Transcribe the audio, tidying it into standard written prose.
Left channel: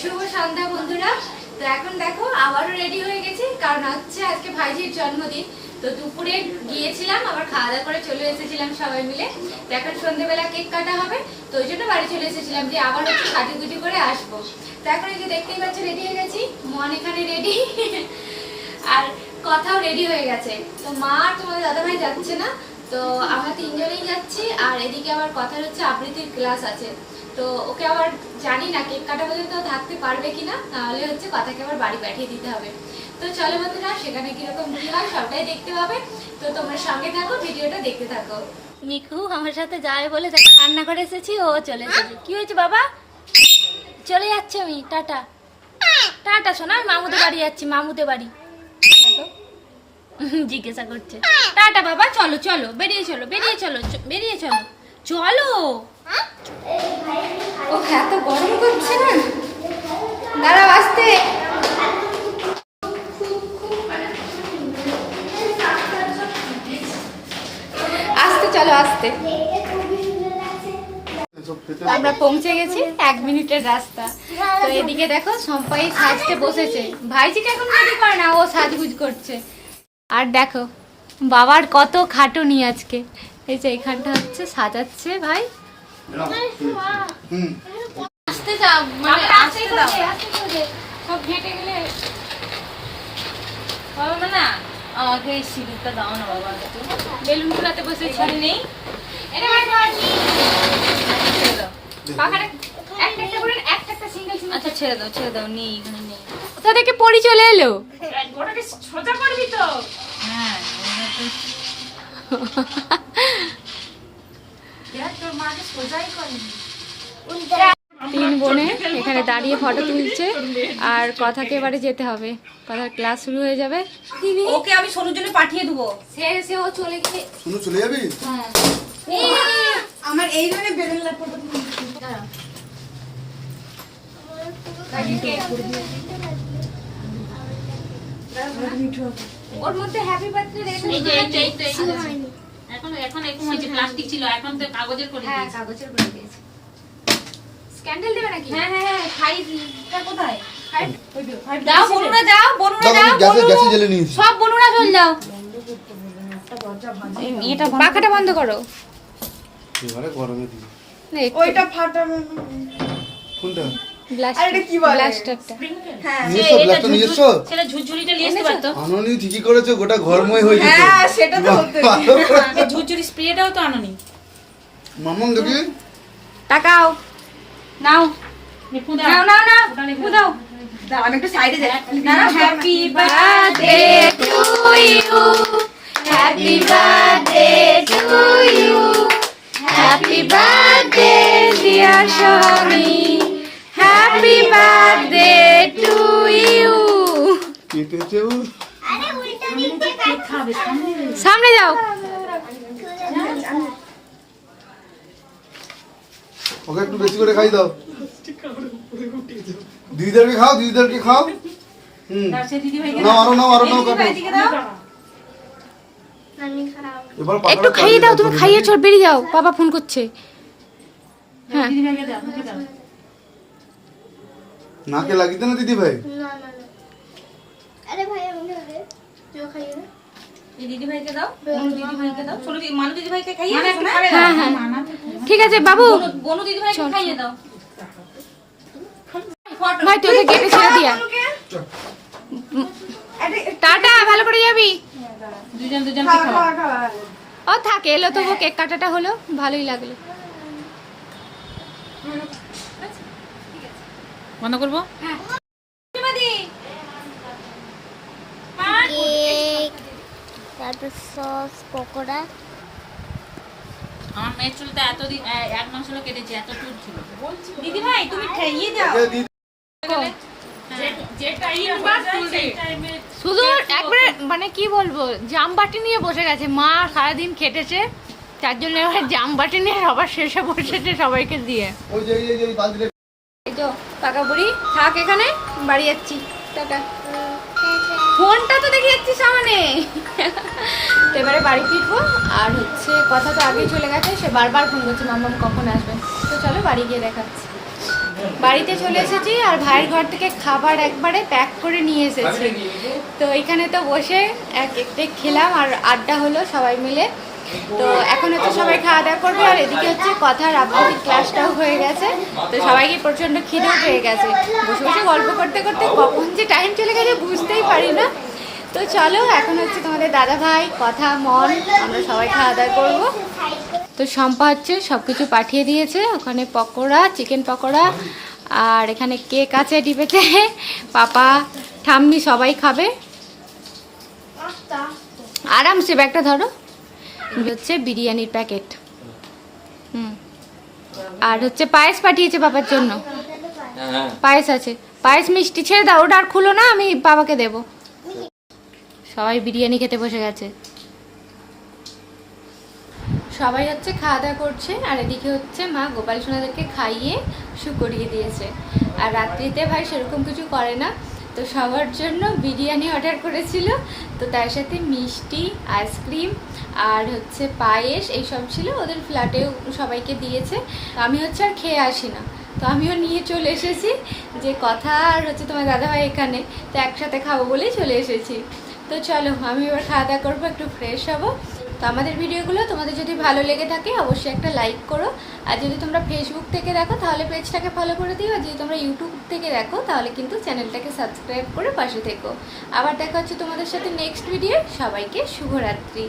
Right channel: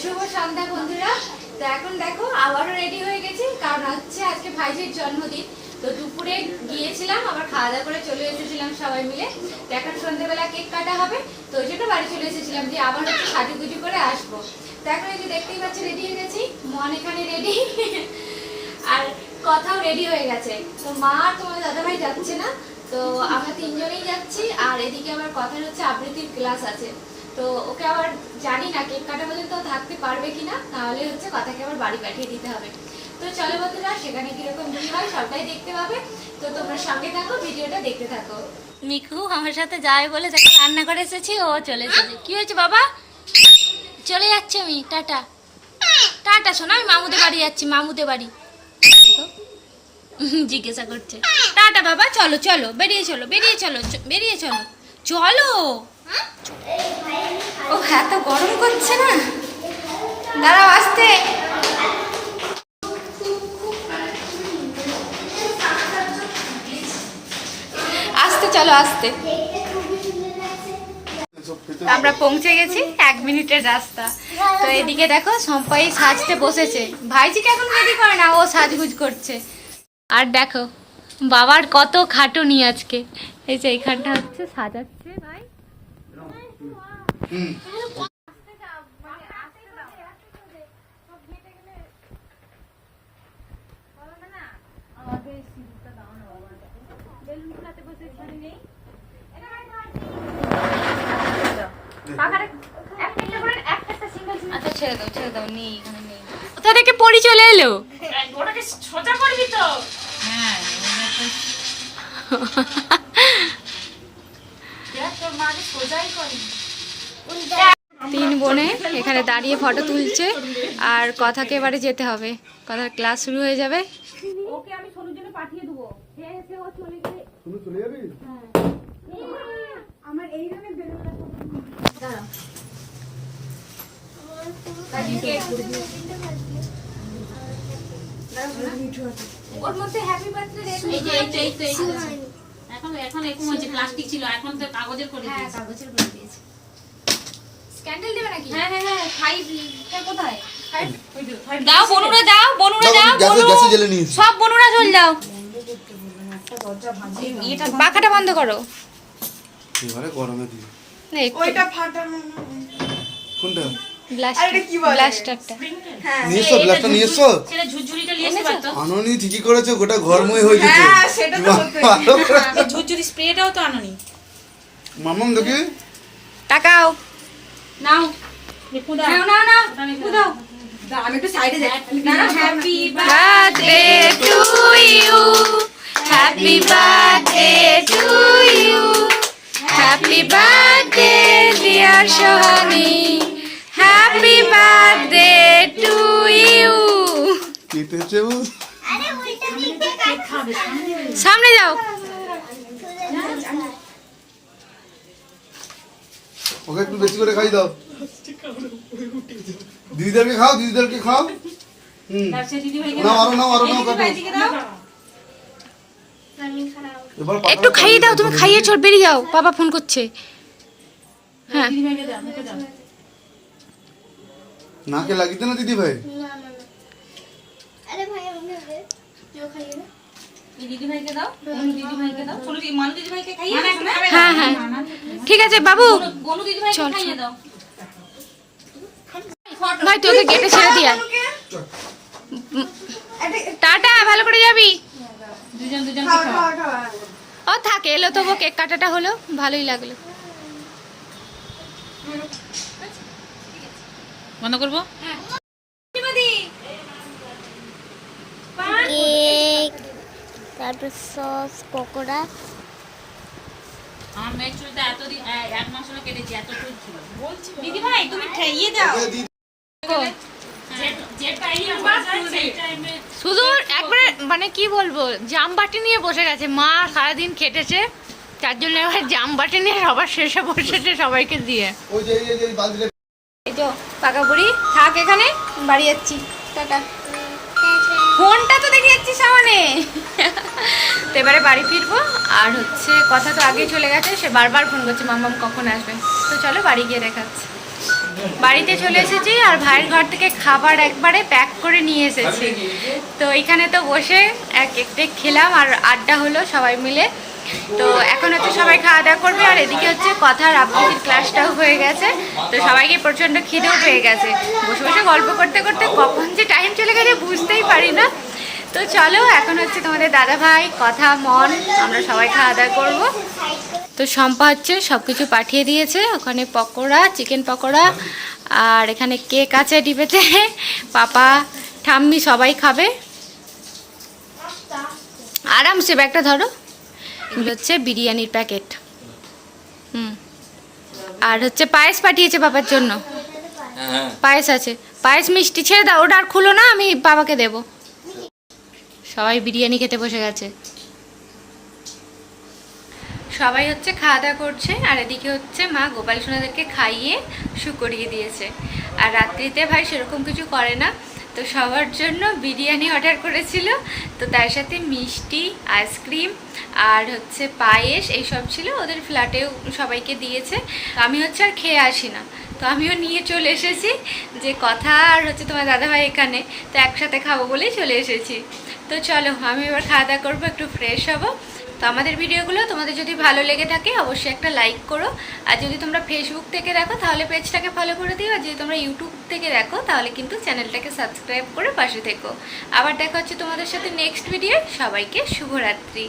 শুভ সন্ধ্যা বন্ধুরা। তো এখন দেখো আবারও রেডি হয়ে গেছি, কারণ হচ্ছে আজকে ভাইজির জন্মদিন। তো দুপুরে গিয়েছিলাম, আবার খাওয়া দাওয়া করে চলে এসেছিলাম সবাই মিলে। তো এখন সন্ধ্যেবেলা কেক কাটা হবে, তো ওই জন্য বাড়ি চলে এসেছিলাম যে আবার হচ্ছে সাজুগুজু করে আসবো। তো এখন এই যে দেখতেই পাচ্ছি রেডি হয়ে গেছি, মন এখানে রেডি আর কথাও রেডি হয়ে গেছে। তো মা আর তোমাদের দাদাভাই যাচ্ছে না, তো আমরা তিনজনেই যাচ্ছি। আর এদিকে আবার কথার হচ্ছে আবৃত্তির ক্লাস আছে, তো ওকে আবার জানি না কেক কাটা পর্যন্ত থাকতে পারবে কিনা, তাহলে হচ্ছে কথাকে আবার বাড়ি পাঠিয়ে দিতে হবে। তো চলো বন্ধুরা, সেখানে কিরকম কি হয় সবটাই দেখতে পাবে। তো তোমরা সঙ্গে থাকো, ভিডিওটা দেখতে থাকো। মিকু আমার সাথে যাবে বলে তাকে রান্না করে এসেছি, ও চলে এসেছে। কি হয়েছে বাবা? চলে যাচ্ছি আমি, টাটা টাটা শোনা, আমি মামুদের বাড়ি যাচ্ছি, মামুদের বাড়ি। জিজ্ঞাসা করছে টাটা বাবা, চলো চলো বেরিয়ে চলো, বেরিয়ে চলো, বেরিয়ে চলো, চলো। ও এত গরম করছে না, দাঁড়াও আসতে। আসতে চলো, আসতে। আমরা পৌঁছে গেছি, 1 মিনিটের রাস্তা। তো এদিকে দেখো সবাই সাজতে বসেছে, ভাইজিকে এখন রেডি করে না, ও সাজগুজ করছে। আর দেখো বাবার কত খাটুনি আজকে, এই যে এইখানটা হচ্ছে সাজাচ্ছে ভাই। আসতে যাও, মানে আসতে দাও, সব ঘেটে গেলে বাবা না। আমাকে এই সিঁদুরটা দাও না বাবা, বেলুন ফুলাতে বসে ছিঁড়ে নেই। এটা ভাই পাখাটা একটা করে একটা সিঙ্গেল সিঙ্গেল। আচ্ছা ছেড়ে দাও, ছেড়ে দাও, নেই এখানে নেই। কোথা থেকে পড়ি চলে এলো? ওটাকে সোজা করবি তো? হ্যাঁ তোর মাকে সোজাই করবি। 3 বোনে এখানে দাঁড়িয়ে ফটো তুলছে, আর কথাকে এবারে যেতে হবে, কথার ক্লাস শুরু হয়ে যাবে। ওকে আমি সোনুর জন্য পাঠিয়ে দেবো। সে ও চলে গেলে সোনু চলে যাবি? হ্যাঁ আমার এই ধরনের বেলুন লাগবে। দাঁড়াও। ওর মধ্যে হ্যাপি বার্থডে এই যে এই তো এখন এরকম হয়েছে, প্লাস্টিক ছিল, এখন তো কাগজের করে হ্যাঁ দিয়েছে। কাগজের করে দিয়েছে। স্ক্যান্ডেল দেবে নাকি? হ্যাঁ হ্যাঁ হ্যাঁ, ফাইভটা কোথায়? ফাইভ দাও বনুরা, দাও বনুরা, দাও গ্যাসে জ্বেলে নিয়েছি। সব বনুরা চল যাও। এটা পাখাটা বন্ধ করো। এবারে গরমে দিই। না ওইটা ফাটানো। কোনটা? ব্লাস্টারটা। হ্যাঁ নিয়ে এসো, ব্ল্যাকটা নিয়ে এসো। সেটা ঝুরঝুরিটা নিয়ে আসতে পারতো। আননি ঠিকই করেছে, গোটা ঘরময় হয়ে যেত। হ্যাঁ সেটা তো হতো। এই ঝুরঝুরি স্প্রেটাও তো আনোনি। মামন দেখি টাকাও নাও নিপু দাও, নাও নাও নাও নিপু দাও। দাও আমি একটু সাইডে যাই। না না, happy birthday to you, happy birthday to you, happy birthday dear Sohani, happy birthday to you. কেটেছে ও। সামনে যাও। ওকে একটু বেশি করে খাই দাও। দিদিদেরকে খাও, দিদিদেরকে খাও। দিদি ভাই নাও আরো নাও, আরো নাও কাকু। দাও। এবার একটু খাইয়ে দাও, তুমি খাইয়ে চল বেরিয়ে যাও, বাবা ফোন করছে। হ্যাঁ দিদি ভাইকে দাও, আমাকে দাও। নাকে লাগিতে না দিদি ভাই? এই দিদি ভাইকে দাও, বনু দিদি ভাইকে দাও, ছোট দিদি মানু দিদি ভাইকে খাইয়ে দাও না। হ্যাঁ হ্যাঁ ঠিক আছে বাবু। বনু দিদি ভাইকে চল, খাইয়ে দাও। ভাই তোকে গেটে ছেড়ে দিয়া। টাটা, ভালো করে যাবি। দুজন দুজনকে খাও। ও থাকে, এলো তবু কেক কাটাটা হলো, ভালোই লাগলো। বন্ধ করবো? কেক, তারপর সস, পকোড়া। আমার মেয়ের চুলটা এতদিন 1 মাস হলো কেটেছে, এত চুল ছিল। দিদি ভাই তুমি খাইয়ে দাও। যে টাইমে সেই টাইমে শুধু একবারে মানে কি বলবো, জামবাটি নিয়ে বসে গেছে। মা সারাদিন খেটেছে, তার জন্য এবার জামবাটি নিয়ে সবার শেষে বসেছে সবাইকে দিয়ে। ওই যে এই বালতিতে এই তো পাকা বুড়ি থাক এখানে, বাড়ি যাচ্ছি, টাটা। ফোনটা তো দেখে যাচ্ছি সামনে। তো এবারে বাড়ি ফিরবো, আর হচ্ছে কথা তো আগেই চলে গেছে, সে বারবার ফোন করছে মাম্মাম কখন আসবে। তো চলো বাড়ি গিয়ে দেখাচ্ছি। বাড়িতে চলে এসেছি আর ভাইয়ের ঘর থেকে খাবার একবারে প্যাক করে নিয়ে এসেছি। তো এখানে তো বসে এক খেলাম আর আড্ডা হলো সবাই মিলে। তো এখন হচ্ছে সবাই খাওয়া দাওয়া করবে আর এদিকে হচ্ছে কথার আবৃত্তির ক্লাসটাও হয়ে গেছে। তো সবাইকে প্রচণ্ড খিদেও পেয়ে গেছে, বসে বসে গল্প করতে করতে কখন যে টাইম চলে গেছে বুঝতেই পারি না। তো চলো এখন হচ্ছে তোমাদের দাদা ভাই, কথা, মন, আমরা সবাই খাওয়া দাওয়া করবো। তো শম্পা হচ্ছে সব কিছু পাঠিয়ে দিয়েছে, ওখানে পকোড়া, চিকেন পকোড়া, আর এখানে কেক আছে ডিবেতে, পাপা ঠাম্মি সবাই খাবে। আরামসে ব্যাগটা ধরো। এগুলো হচ্ছে বিরিয়ানির প্যাকেট। আর হচ্ছে পায়েস পাঠিয়েছে বাবার জন্য, পায়েস আছে, পায়েস মিষ্টি। ছেড়ে দাও, ওটা আর খুলো না, আমি বাবাকে দেব। সবাই বিরিয়ানি খেতে বসে গেছে, সবাই হচ্ছে খাওয়া দাওয়া করছে। আর এদিকে হচ্ছে মা গোপাল সোনাদেরকে খাইয়ে শু করিয়ে দিয়েছে। আর রাত্রিতে ভাই সেরকম কিছু করে না, তো সবার জন্য বিরিয়ানি অর্ডার করেছিল। তো তার সাথে মিষ্টি, আইসক্রিম আর হচ্ছে পায়েস এইসব ছিল, ওদের ফ্ল্যাটেও সবাইকে দিয়েছে। আমি হচ্ছে আর খেয়ে আসি না, তো আমিও নিয়ে চলে এসেছি, যে কথা আর হচ্ছে তোমার দাদাভাই এখানে, তো একসাথে খাবো বলেই চলে এসেছি। তো চলো আমি এবার খাওয়া দাওয়া করবো, একটু ফ্রেশ হবো। তো আমাদের ভিডিওগুলো তোমাদের যদি ভালো লেগে থাকে অবশ্যই একটা লাইক করো। আর যদি তোমরা ফেসবুক থেকে দেখো তাহলে পেজটাকে ফলো করে দিও। আর যদি তোমরা ইউটিউব থেকে দেখো তাহলে কিন্তু চ্যানেলটাকে সাবস্ক্রাইব করে পাশে থেকো। আবার দেখা হচ্ছে তোমাদের সাথে নেক্সট ভিডিও। সবাইকে শুভরাত্রি।